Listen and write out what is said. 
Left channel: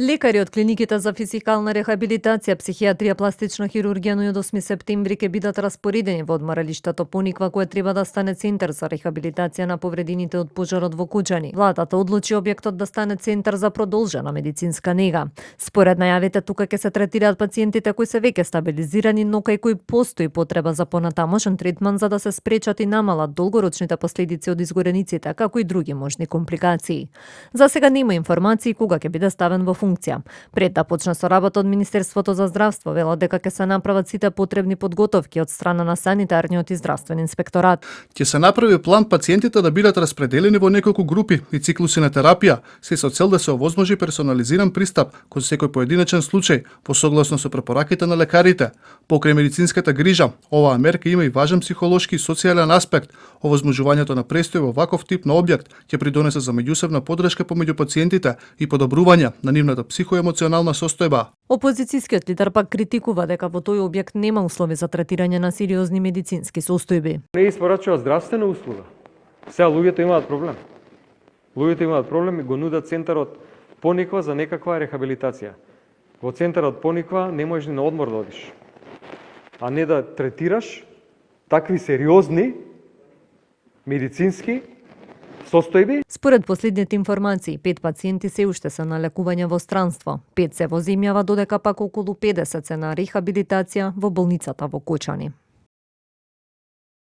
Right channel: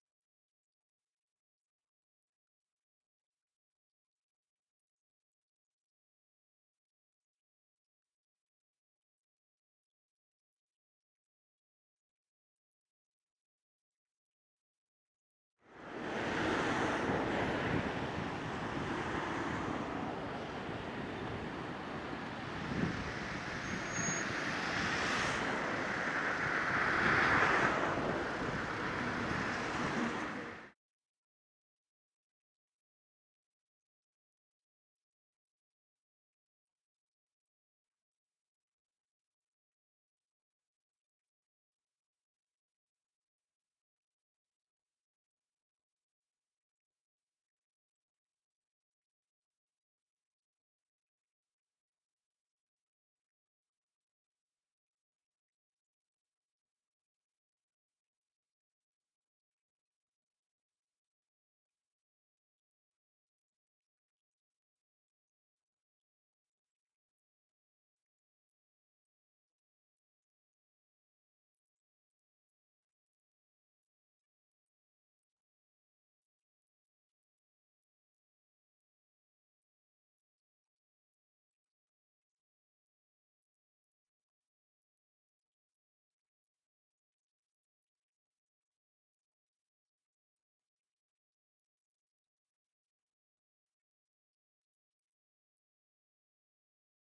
Лекари од клиниките за физикална рехабилитација, психијатрија, пластична хирургија, но и од 8 септември ќе бидат распоредени во одморалиштето Пониква, кое треба да стане центар за рехабилитација на повредените од пожарот во Кучани. Владата одлучи објектот да стане центар за продолжена медицинска нега. Според најавите, тука ќе се третираат пациентите кои се веќе стабилизирани, но кај кои постои потреба за понатамошен третман за да се спречат и намалат долгорочните последици од изгорениците, како и други можни компликации. За сега нема информации кога ќе биде ставен во функција. Пред да почне со работа од Министерството за здравство, велат дека ќе се направат сите потребни подготовки од страна на санитарниот и здравствен инспекторат. Ќе се направи план пациентите да бидат распределени во неколку групи и циклуси на терапија, се со цел да се овозможи персонализиран пристап кон секој поединечен случај, по согласно со препораките на лекарите. Покрај медицинската грижа, оваа мерка има и важен психолошки и социјален аспект. Овозможувањето на престој во ваков тип на објект ќе придонесе за меѓусебна подршка помеѓу пациентите и подобрување на нивната психоемоционална состојба. Опозицијскиот лидер пак критикува дека во тој објект нема услови за третирање на сериозни медицински состојби. Не испорачува здравствена услуга. Сега луѓето имаат проблем. Луѓето имаат проблем и го нудат центарот Пониква за некаква рехабилитација. Во центарот Пониква не можеш ни на одмор да одиш, а не да третираш такви сериозни медицински состојби. Според последните информации, 5 пациенти се уште се на лекување во странство. 5 се во земјава, додека пак околу 50 се на рехабилитација во болницата во Кочани.